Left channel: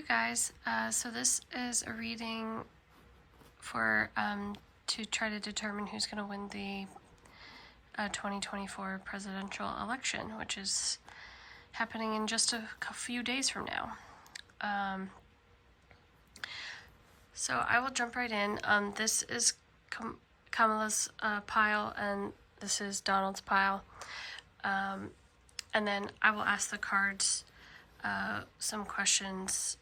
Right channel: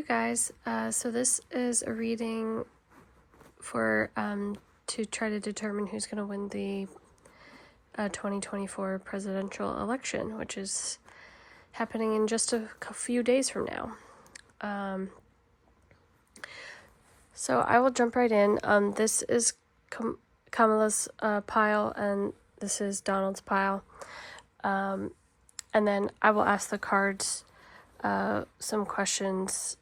you guys. So this is a reading for to try to determine who's going to win the 2024 presidential election, which is happening in just a few days from now. So I will jump right in. This is Kamala's pile, and this is Donald's pile. And then I will ask the cards some questions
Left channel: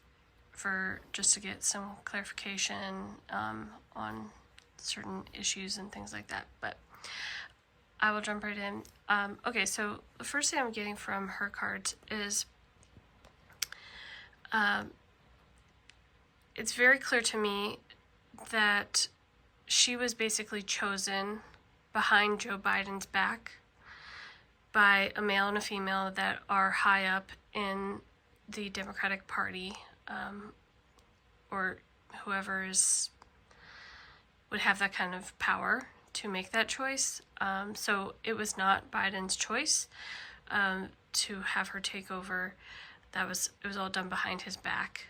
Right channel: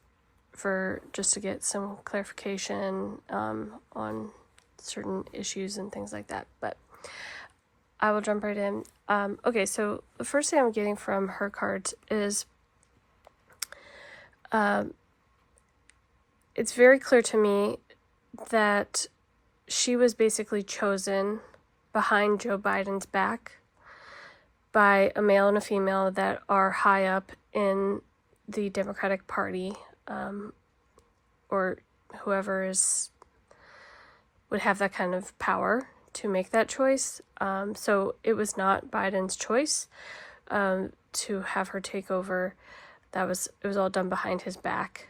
for just to get some clarification on certain issues and things like that. But I will jump right in. Okay, so the first thing I'm getting from her cards is it's very clear to me that she was basically chosen behind Joe Biden's back by a male and a female that are high up in the Democratic Party, or whoever would have that kind of power to make that choice. So it was not Biden's choice to have her take over. It was all done behind his back.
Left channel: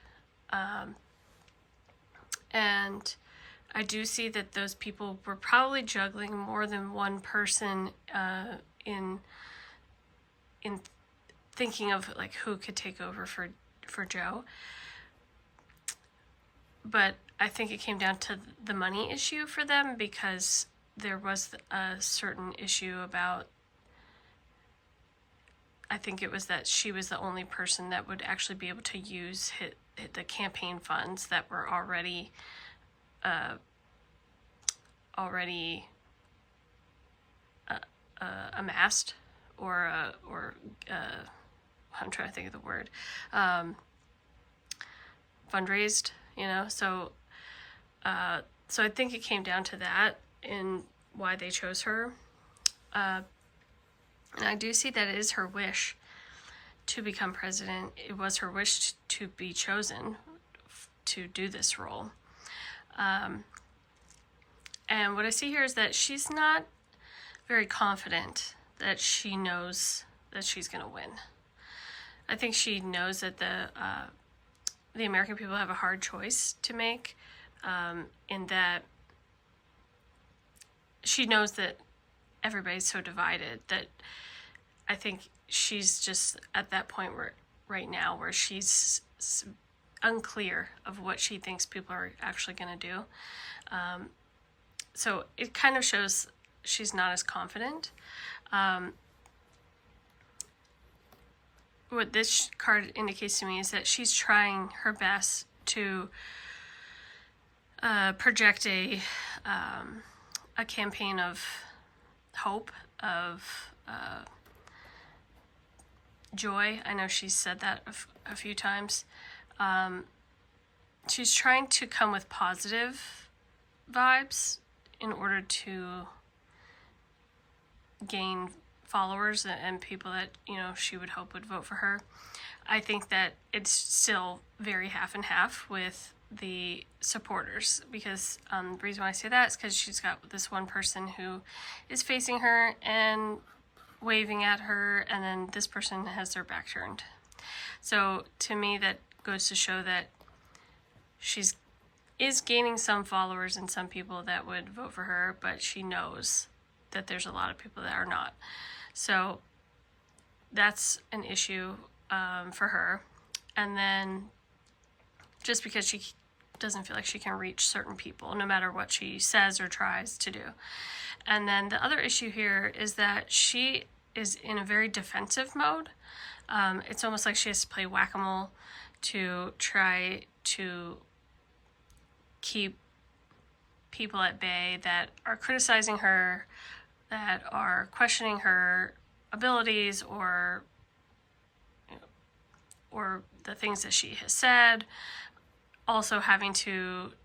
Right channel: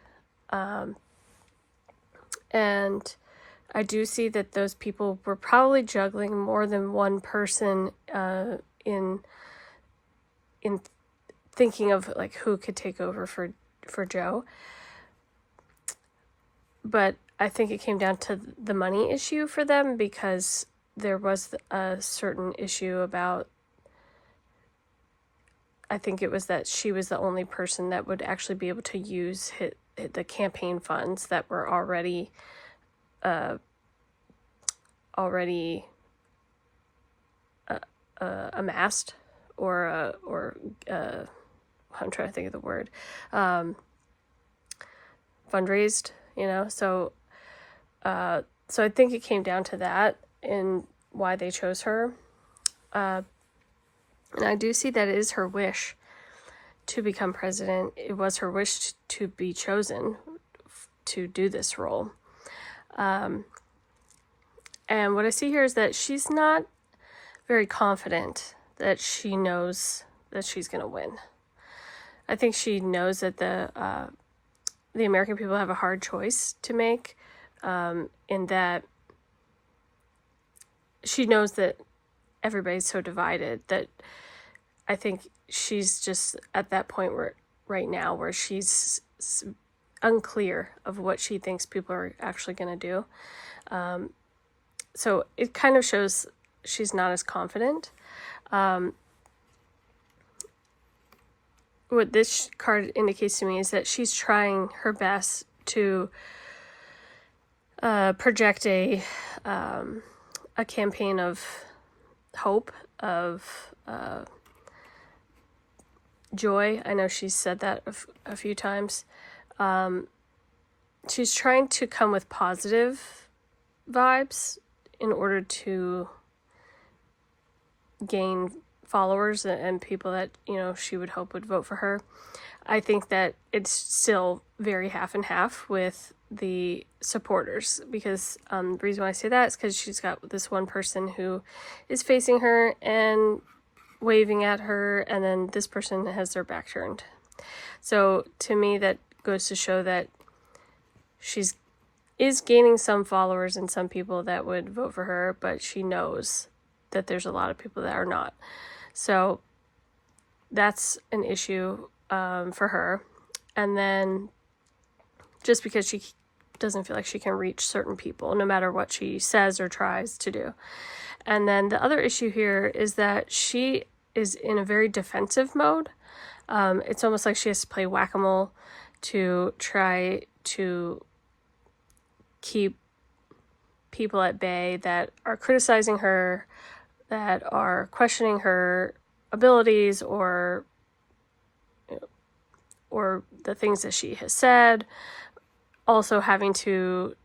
And I do see that those people were probably juggling more than one person in thinking of like who could take over for Joe. But I think it came down to the money issue for them, because there was a certain issue about, I think it was that she was the only person that would actually be able to use the campaign funds that were already amassed, or I'm trying to think of the word, fundraised, so I think it came down to that and why they chose her. And I do see that it is her wish to become president. It was her wish to be chosen to do this role. And what I see here is that she's not very confident that she knows that she's going to win. I think she knows that the American people have a hard choice to make, in that she knows that everybody's so divided that I think she's just at that point right now where she's unclear of what she thinks people are actually going to do. So it kind of shows she's not as confident. What this card indicates to me is that she's trying her best to project a campaign of hope, of joy. I know she's said that a few times. She's trying to come with positive vibes in order to gain followers and people that she would hope would vote for her. I think that it's still very half and half with the supporters, because the reason why I say that is because she's got this one person who is facing her and waving at her, and then this person has their back turned. So to me, that goes to show that is gaining some followers and some people that would vote for her, but she knows that there's a lot of people that are not. So that's an issue for her. And then just because she doesn't feel like she can reach certain people, no matter what she says or tries to do. And then the other issue here is that she is in a very defensive mode. It's almost like she has to play whack-a-mole to try to keep people at bay that are criticizing her, that are questioning her abilities or the things that she has said, also having to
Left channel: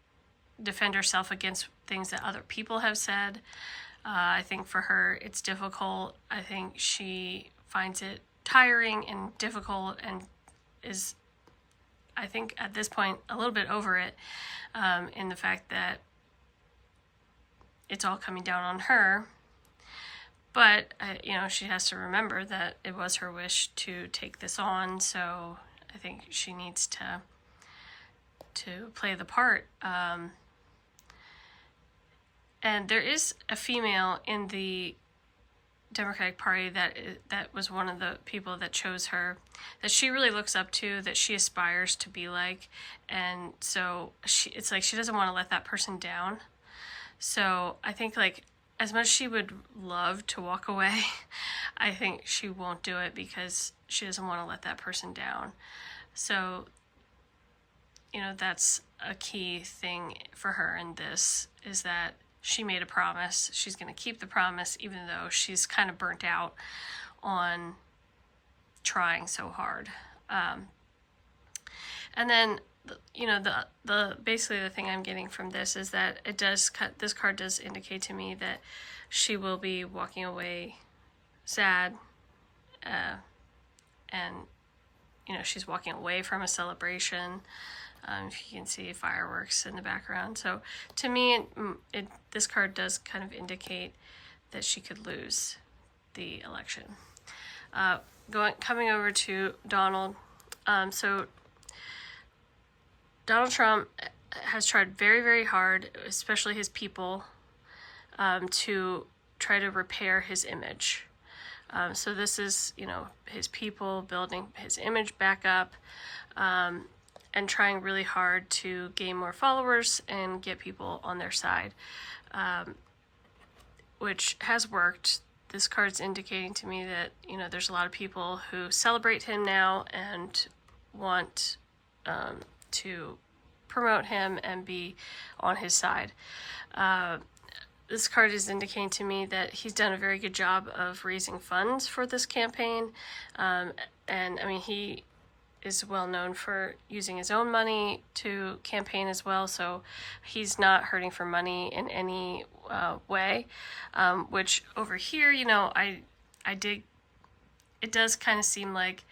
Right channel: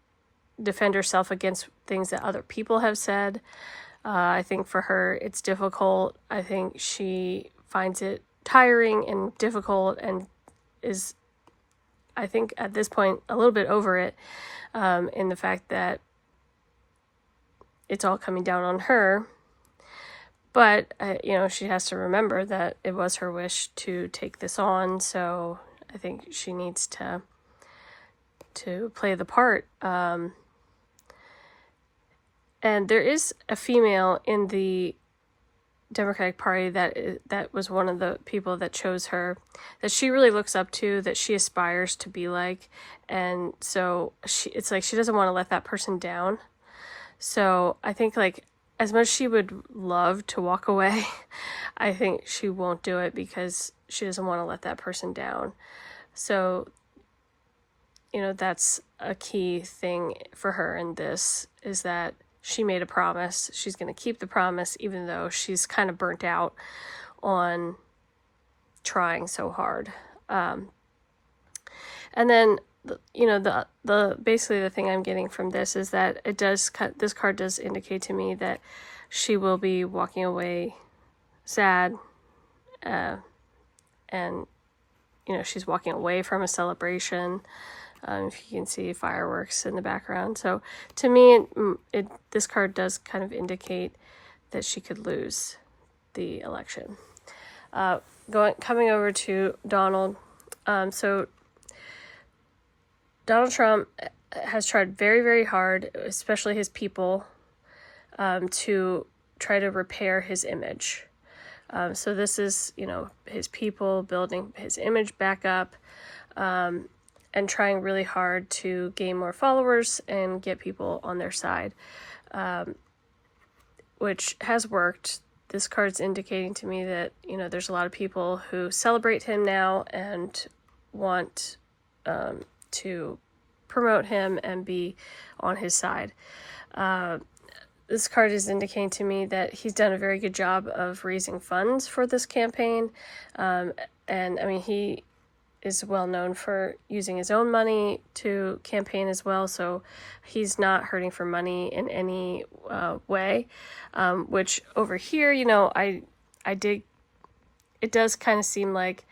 defend herself against things that other people have said. I think for her it's difficult. I think she finds it tiring and difficult, and is, I think at this point, a little bit over it, in the fact that it's all coming down on her. But, she has to remember that it was her wish to take this on, so I think she needs to play the part. And there is a female in the Democratic Party that was one of the people that chose her, that she really looks up to, that she aspires to be like, and so it's like she doesn't want to let that person down. So I think, like, as much as she would love to walk away, I think she won't do it because she doesn't want to let that person down. So, you know, that's a key thing for her in this, is that she made a promise. She's going to keep the promise, even though she's kind of burnt out on trying so hard. And then, you know, the basically the thing I'm getting from this is that this card does indicate to me that she will be walking away sad, and, you know, she's walking away from a celebration. If you can see fireworks in the background. So to me, this card does kind of indicate that she could lose the election. Coming over to Donald. So Donald Trump has tried very, very hard, especially his people, to try to repair his image. So this is, you know, his people building his image back up, and trying really hard to gain more followers and get people on their side, which has worked. This card's indicating to me that, you know, there's a lot of people who celebrate him now and want to promote him and be on his side. This card is indicating to me that he's done a very good job of raising funds for this campaign. And I mean, he is well known for using his own money to campaign as well, so he's not hurting for money in any way, which over here, you know, it does kind of seem like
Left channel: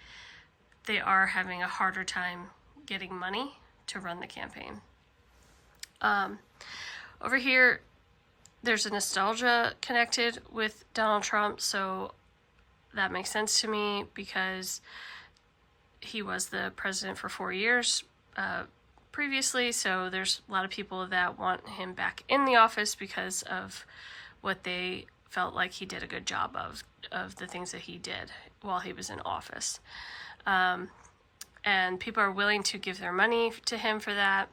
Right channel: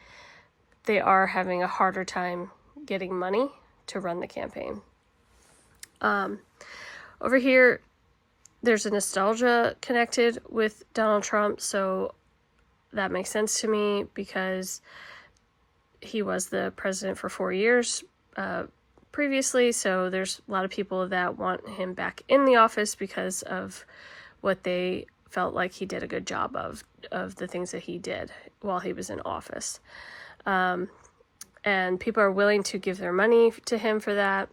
they are having a harder time getting money to run the campaign. Over here, there's a nostalgia connected with Donald Trump, so that makes sense to me because he was the president for 4 years previously, so there's a lot of people that want him back in the office because of what they felt like he did a good job of the things that he did while he was in office. And people are willing to give their money to him for that.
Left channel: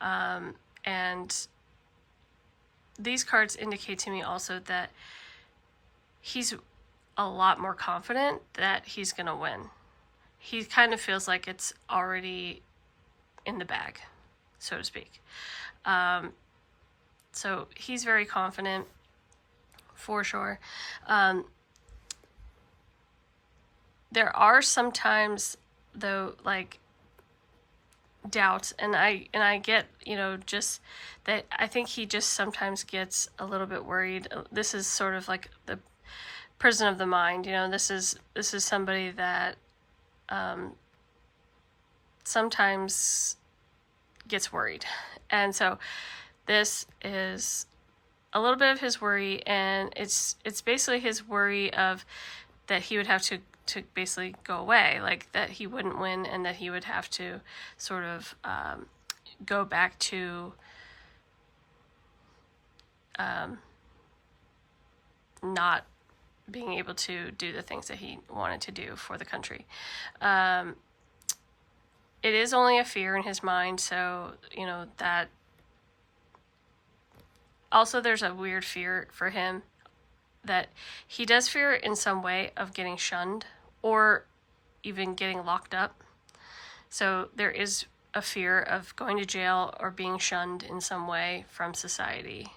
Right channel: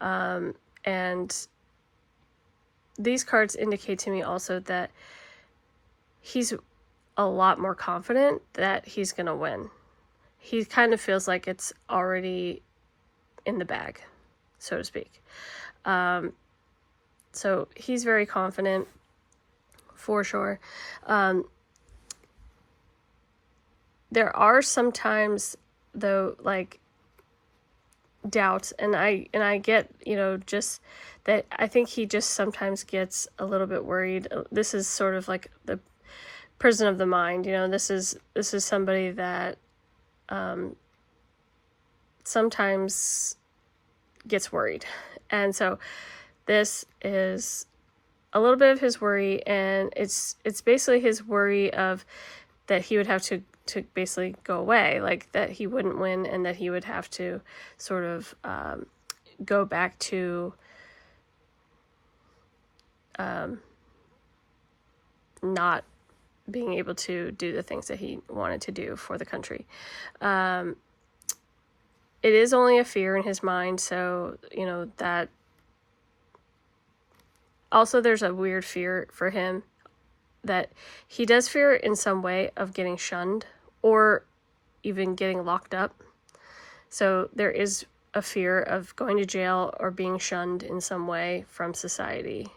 And these cards indicate to me also that he's a lot more confident that he's going to win. He kind of feels like it's already in the bag, so to speak. So he's very confident, for sure. There are sometimes, though, like, doubts, and I get, you know, just that I think he just sometimes gets a little bit worried. This is sort of like the prison of the mind, you know. This is somebody that sometimes gets worried. And so this is a little bit of his worry, and it's basically his worry of that he would have to basically go away, like that he wouldn't win and that he would have to sort of go back to not being able to do the things that he wanted to do for the country. It is only a fear in his mind, so, you know, that also there's a weird fear for him that he does fear in some way of getting shunned or even getting locked up. So there is a fear of going to jail or being shunned in some way from society.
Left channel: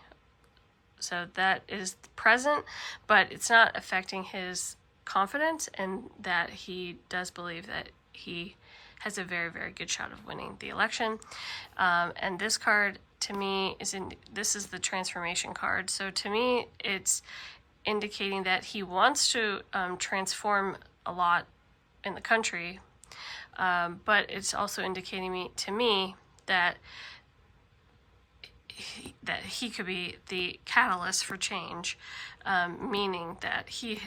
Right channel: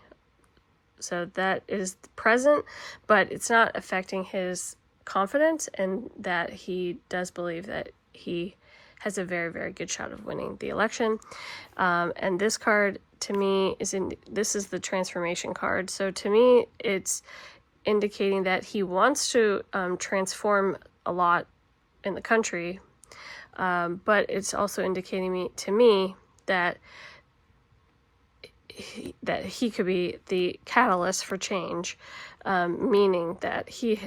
So that is present, but it's not affecting his confidence, and that he does believe that he has a very, very good shot of winning the election. And this card, to me, this is the transformation card. So to me, it's indicating that he wants to transform a lot in the country, but it's also indicating to me that he could be the catalyst for change, meaning that he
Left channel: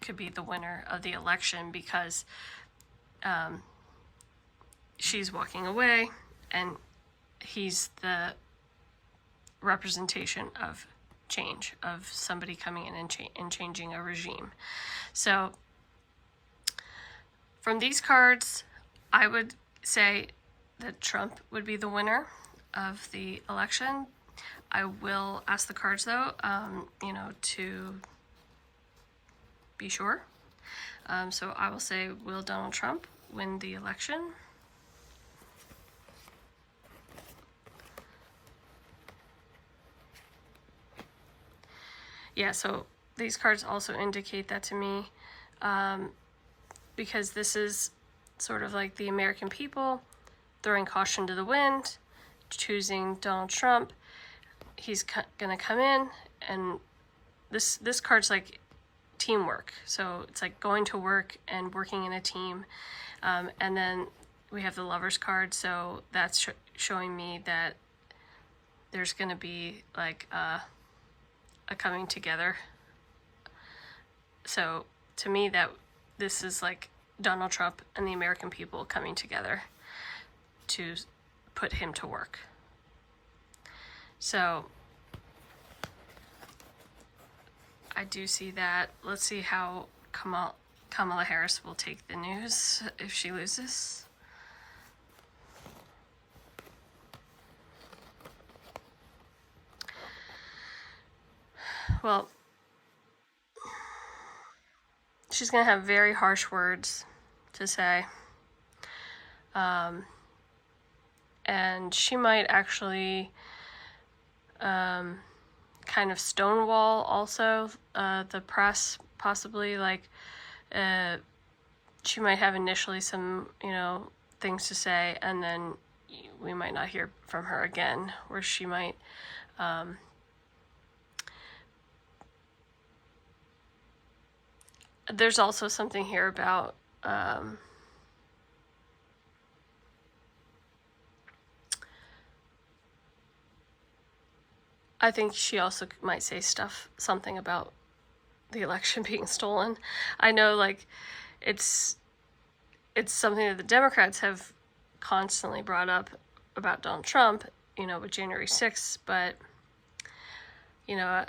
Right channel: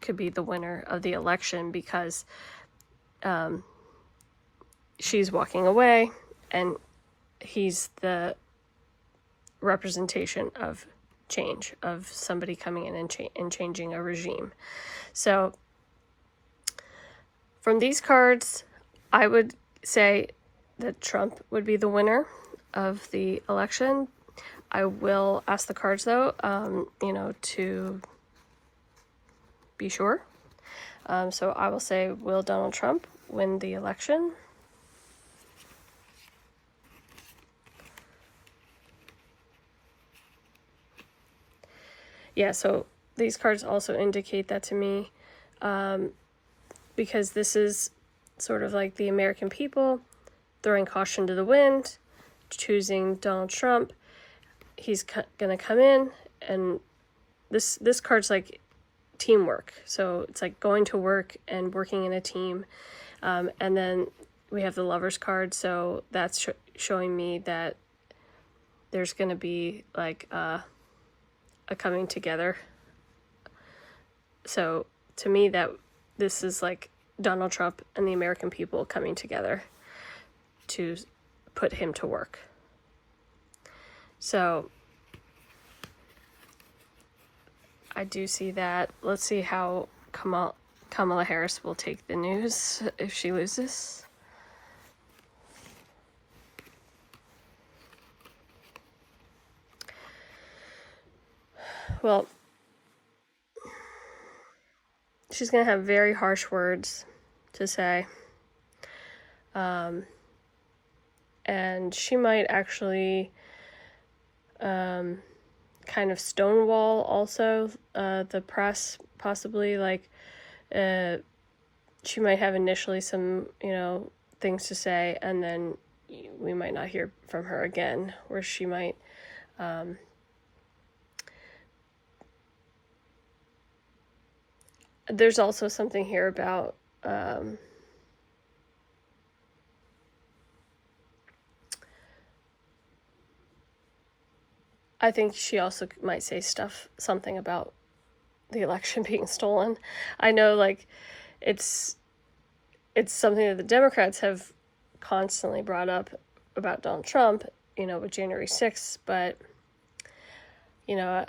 could be the winner of the election because she's walking away, and he's the representation of change, of somebody coming in and changing a regime. So from these cards, I would say that Trump would be the winner of the election. I will ask the cards, though, to be sure. So I will say, will Donald Trump win the election? Yeah, so these cards also indicate that to me, because this is sort of like the American people throwing caution to the wind, choosing Donald Trump. He's gonna come in, and this card's like teamwork. So it's like going to work and working in a team. And then we have the Lovers card, so that's showing me that there's gonna be like a coming together. So to me, that this is like Donald Trump and the American people coming together to put him to work. So I do see that. Let's see how Kamala Harris will take the news if she loses. Well, she's going to have very harsh words to say. And she might actually kind of stonewall also the press, possibly. Like, she might have initially some, things to say, and then we might not hear from her again, where she might there's also something here about I think she also might say something about the election being stolen. I know, like, it's something that the Democrats have constantly brought up about Donald Trump, with January 6th, but, I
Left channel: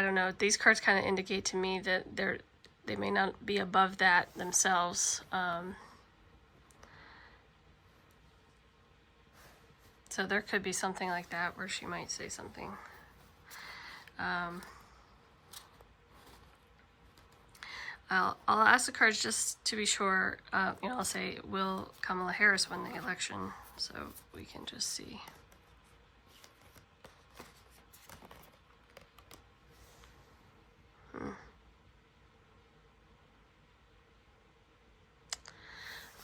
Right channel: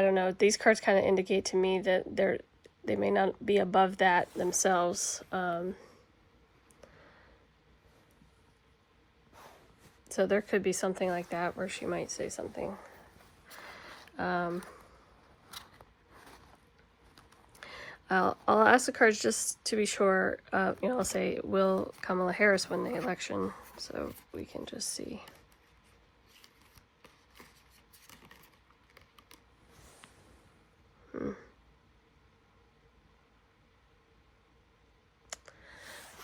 don't know. These cards kind of indicate to me that they may not be above that themselves. So there could be something like that where she might say something. I'll ask the cards just to be sure. I'll say, will Kamala Harris win the election? So we can just see.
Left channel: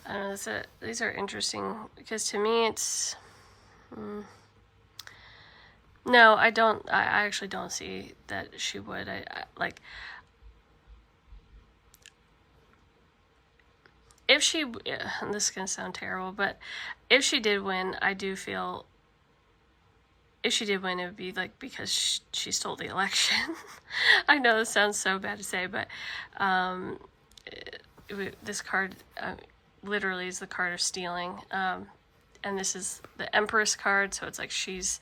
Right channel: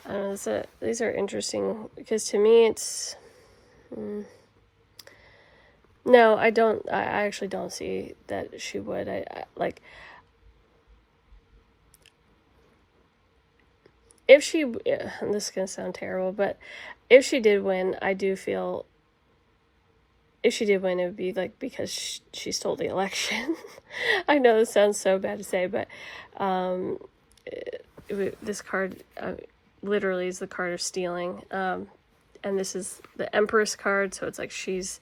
I don't know, these are interesting, because to me it's... No, I don't. I actually don't see that she would. I like... If she... and this is going to sound terrible, but if she did win, I do feel... If she did win, it would be like because she stole the election. I know this sounds so bad to say, but this card literally is the card of stealing. And this is the Empress card, so it's like she's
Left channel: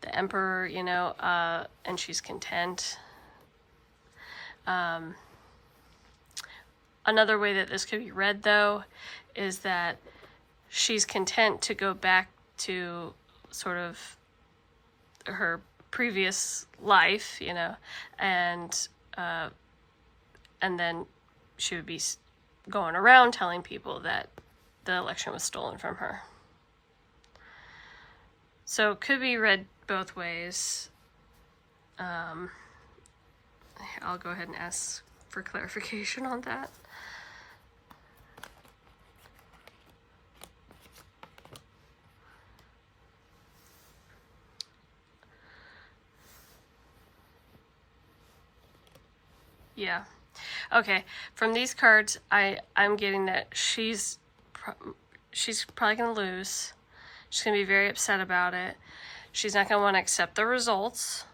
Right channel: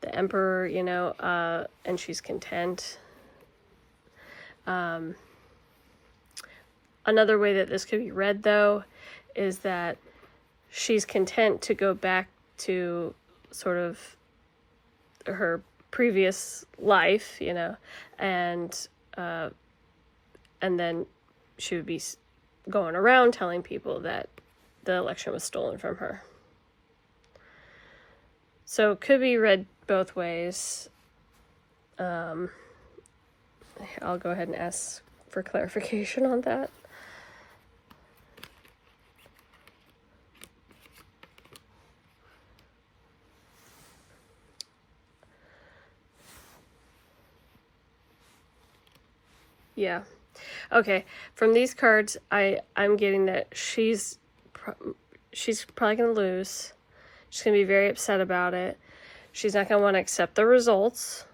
the emperor, and she's content. Another way that this could be read, though, is that she's content to go back to sort of her previous life, and then she would be going around telling people that the election was stolen from her. So it could be read both ways. I'll go ahead and ask for clarification on that. Yeah. Okay. From these cards, I'm getting that she's probably going to lose. She's going to be very upset about it. She's not going to want to accept the results.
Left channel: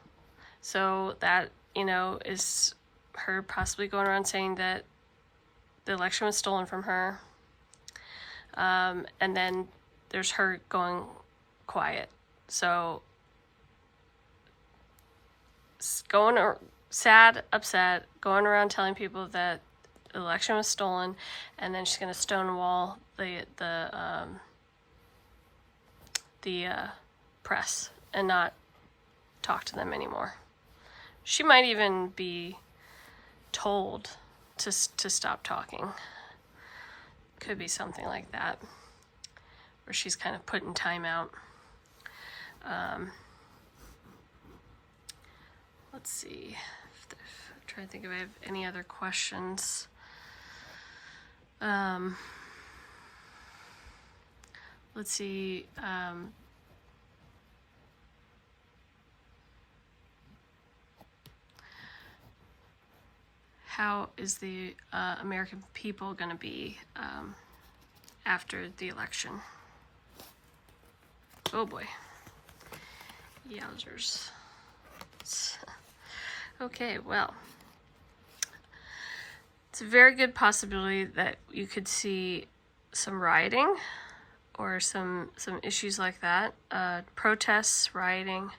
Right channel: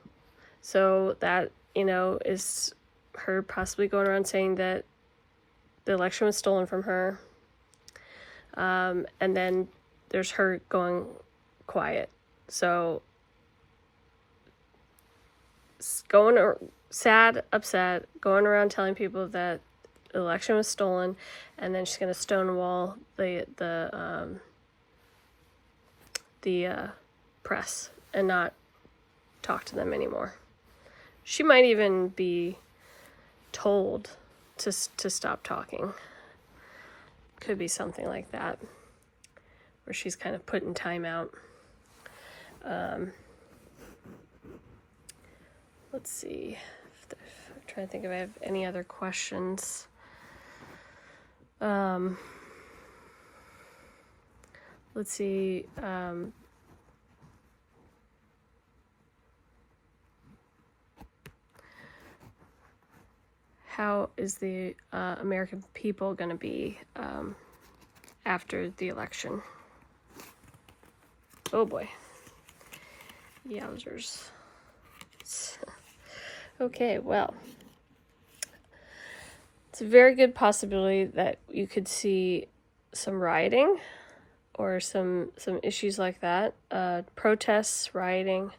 So that, is her possibly going around saying that the election was stolen from her. And then there's her going quiet. So sad, upset, going around telling people that the election was stolen, and then she's going to stonewall the press and not talk to them anymore. She might even be told to stop talking. Could be something like that, where she's kind of put in timeout. Let's see. I'm trying to think if I have any other questions. Let's see. How is the American people going to be after the election? Oh boy. Yowzers. Okay, well, it's a very good possibility that you could see some rioting or some issues like that. Protests, rioting.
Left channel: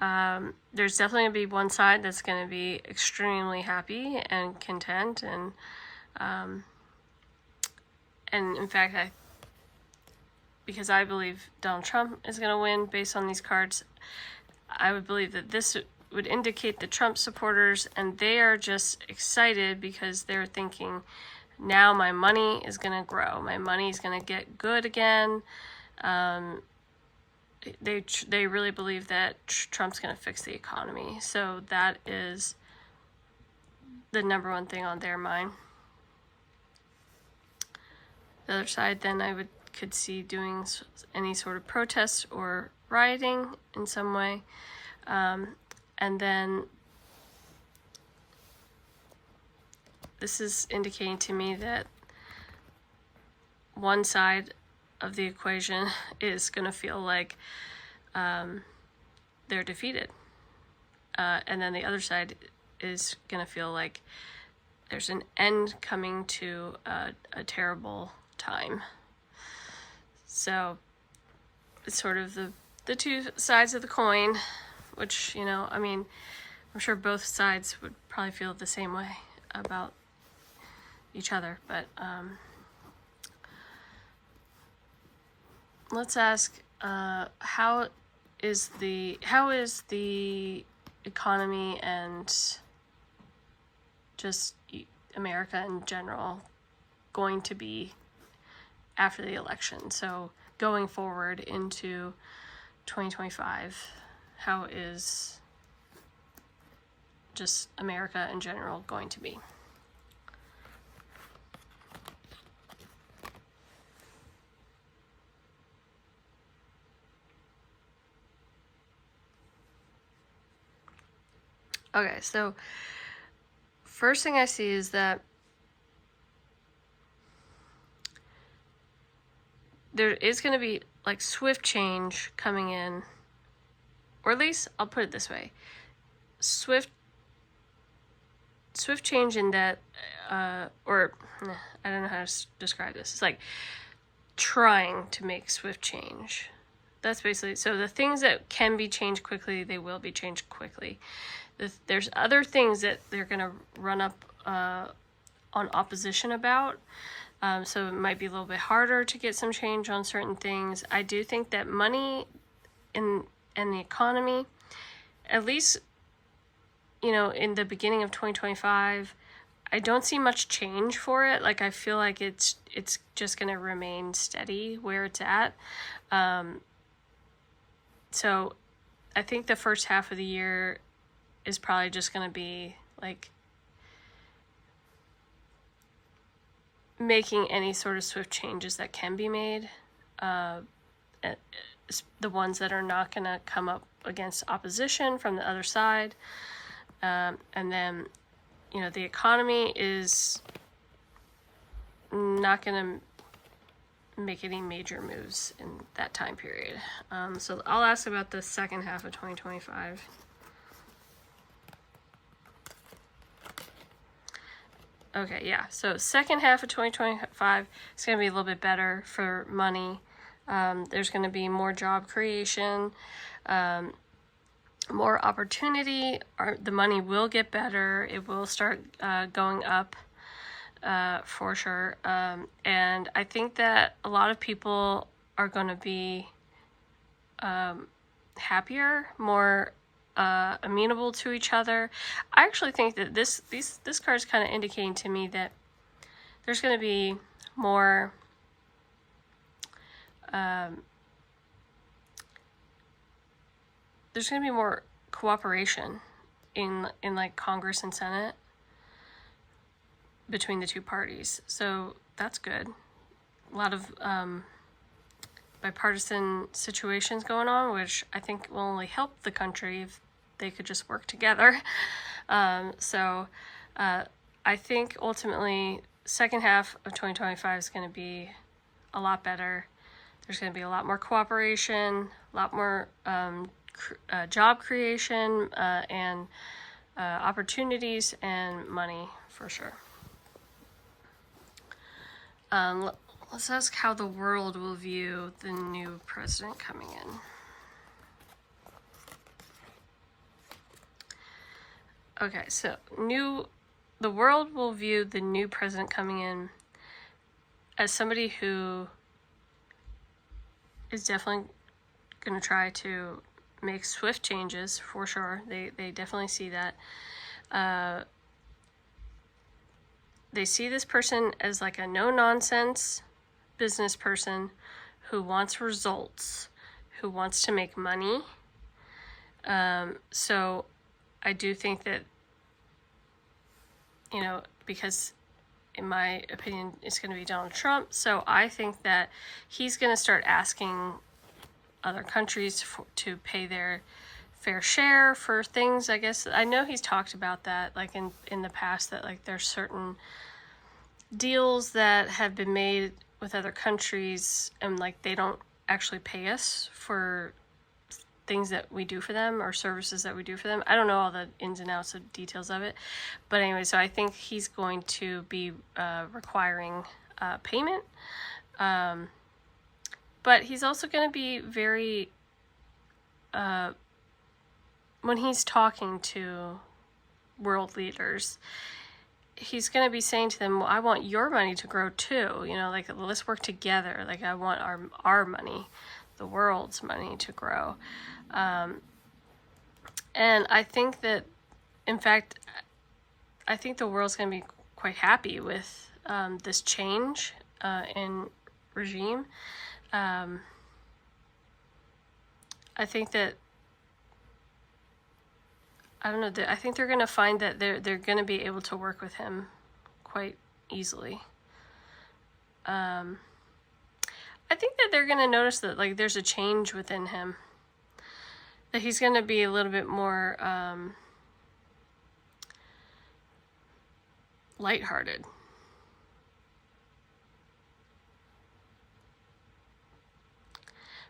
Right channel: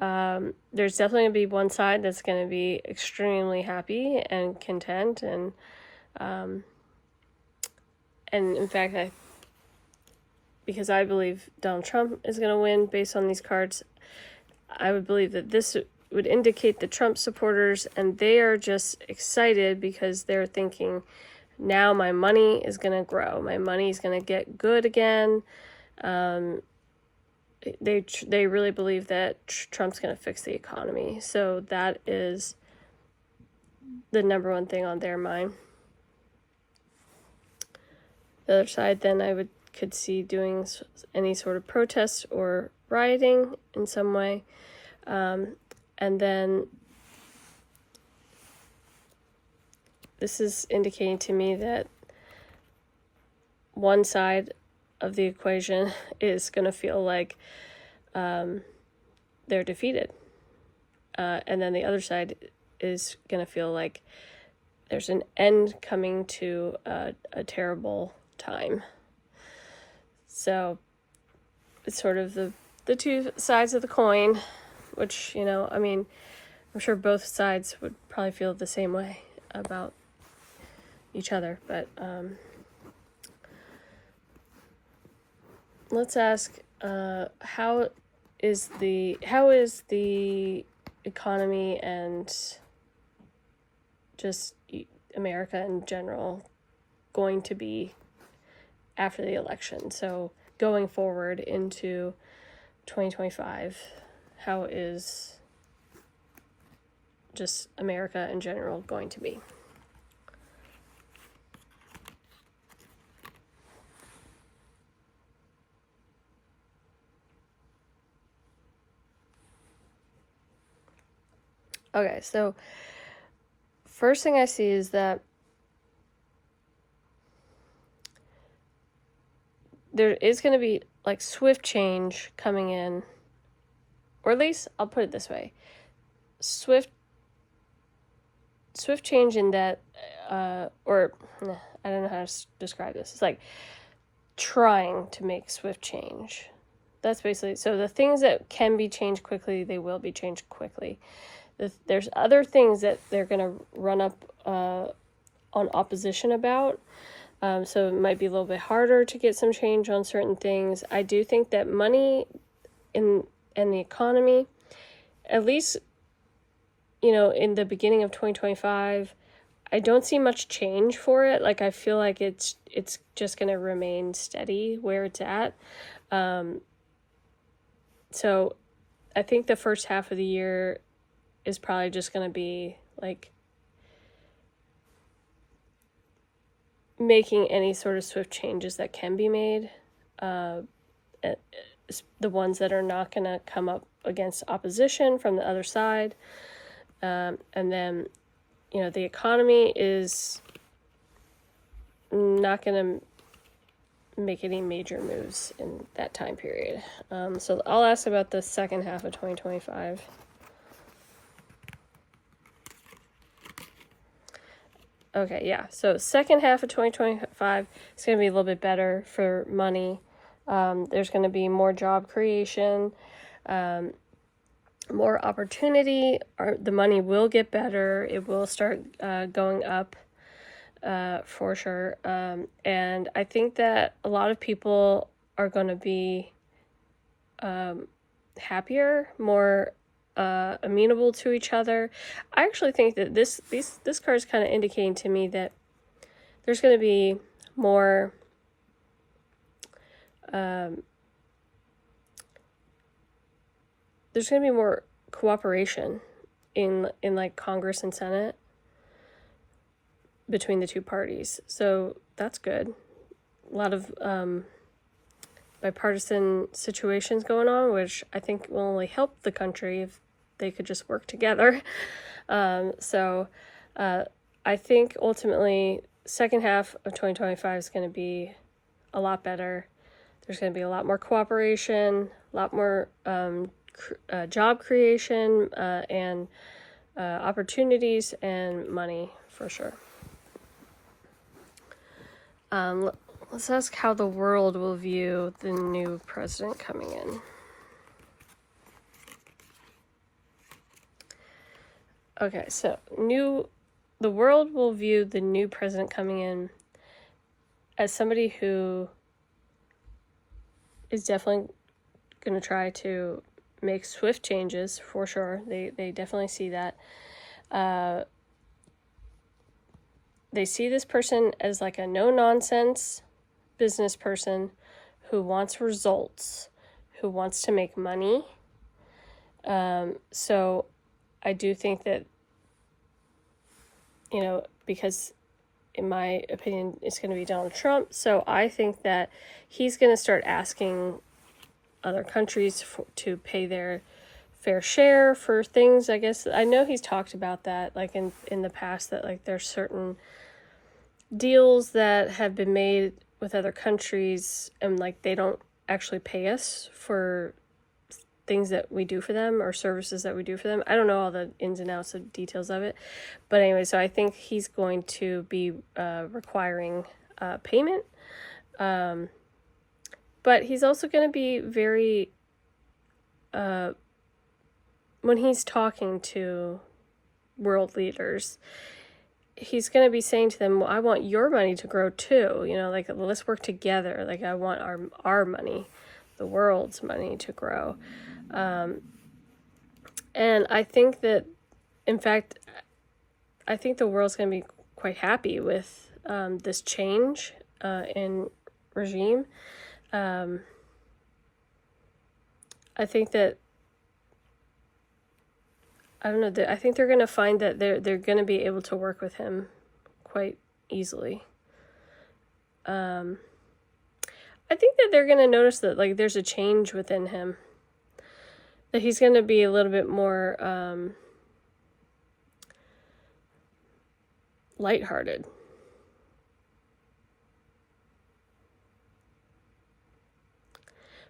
There's definitely going to be one side that's going to be extremely happy and content, and in fact, because I believe Donald Trump is going to win based on these cards, I would believe that this would indicate the Trump supporters, and they are just excited because they're thinking, now my money is going to grow. My money is going to get good again. They really believe that Trump's going to fix the economy. So that is the number one thing on their mind. The other side, then, I could see doing any sort of protest or rioting in some way. And then this is indicating to me that one side of the equation is going to feel like they're defeated. And then the other side is going to feel like there's an end coming to a terrible time. So it's sort of the two sides of the coin, which, I mean, I'm sure both sides would probably feel the same way about each other, but let's ask, how is the economy and just America in general going to be after the election? So going forward into 2025, how is just America in general going to be? Okay, so first thing I see is that there is going to be like swift change coming in, or at least I'll put it this way, swift change in that, or I don't know how to describe this. It's like trying to make swift change. That's basically, so the things that can be changed quickly, they will be changed quickly. There's other things that they're going to run up on opposition about. So it might be a little bit harder to get some change on certain things. I do think that money and the economy, at least, in the beginning of 2025, I don't see much change for it. Like, I feel like it's just going to remain steady where it's at. So I think the first half of the year is probably just going to be like making any sort of swift changes that can be made, the ones that are not going to come up against opposition from the other side. And then, the economy is not going to make any major moves in that time period. So I'll ask about the second half of 2025. Okay, yeah. So second half of 2025 is going to be a little bit better for money. There's going to be more job creation, more opportunity. The money will get better. It will start going up for sure. And I think that a lot of people are going to be happier, more amenable to each other. I actually think that this card is kind of indicating to me that there's going to be more there's going to be more cooperation in like Congress and Senate between the two parties. So that's good. A lot of bipartisan situations going on, which I think will only help the country if they could just work together. So I think ultimately second half of 2025 is going to be a lot better. There's going to be a lot more cooperation, a lot more job creation, and opportunities and money for sure. Let's ask how the world will view the new president coming in. Okay, so the world will view the new president coming in as somebody who is definitely going to try to make swift changes, for sure. They definitely see that. They see this person as like a no-nonsense business person who wants results, who wants to make money. So I do think that, because in my opinion, it's going to be Donald Trump. So I think that he's going to start asking other countries to pay their fair share for things. I guess I know he's talked about that, like in the past, that like there's certain deals that have been made with other countries and like they don't actually pay us for things that we do for them or services that we do for them. I don't know all the ins and outs of details of it, but anyway, so I think he's going to be requiring payment, but he's also going to be very when he's talking to world leaders, he's going to be saying to them, well, I want your money to grow too. Like, let's work together. Like, I want our money, the world's money, to grow. And I think that, in fact, I think the world's going to be quite happy with this change in regime. I think that, I don't know, I think they're going to find that they're going to be able to work with him quite easily. I think that they're going to notice that like there's a change within him, that he's going to be a little bit more lighthearted.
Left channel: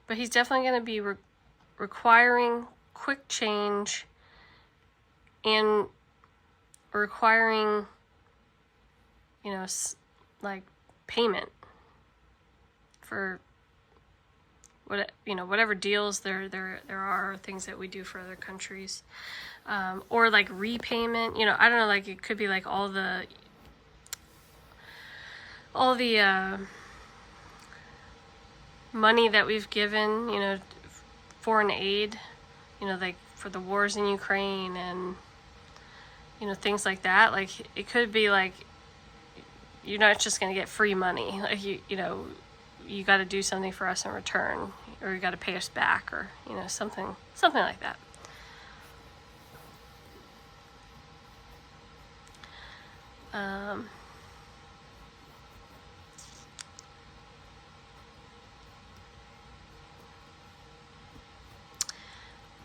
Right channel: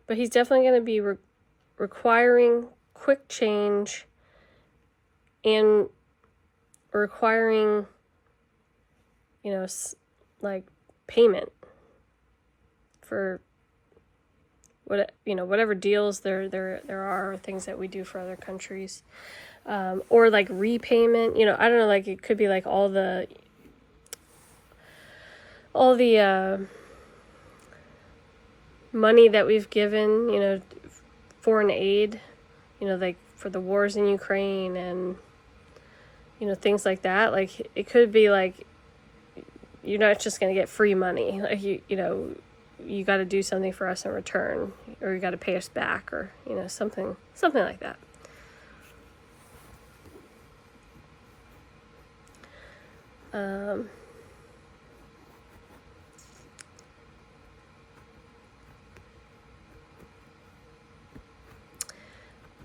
But he's definitely going to be requiring quick change and requiring, like payment for whatever deals there are, things that we do for other countries, or like repayment. I don't know, like it could be like all the money that we've given, foreign aid, like for the wars in Ukraine and things like that. Like it could be like you're not just going to get free money. Like you got to do something for us in return, or you got to pay us back, or something like that.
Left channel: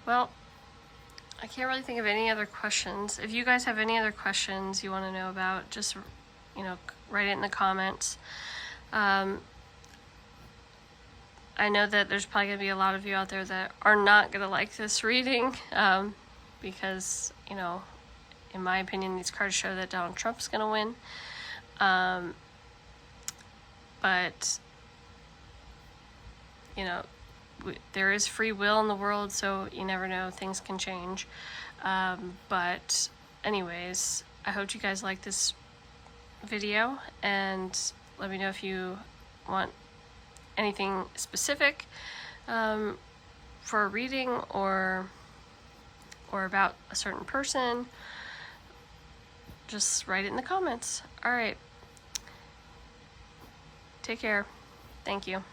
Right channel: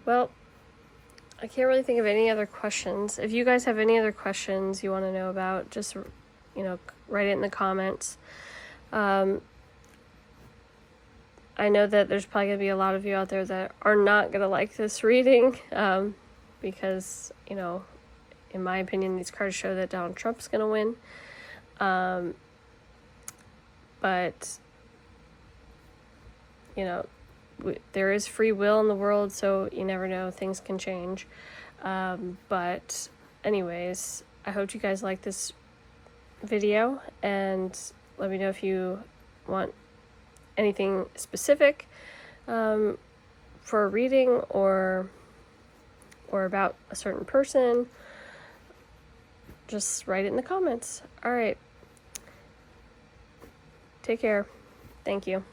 Well, I can't really think of any other questions. If you guys have any other questions you want to know about, just write it in the comments. I know that there's probably going to be a lot of you out there that are not going to like this reading, because, in my opinion, these cards show that Donald Trump's going to win. But, you know, there is free will in the world, so you never know, things can change. But anyways, I hope you guys like this video, and let me know if you want anything specific for a reading or about a certain person. Just write it in the comments. All right. Take care. Thank you.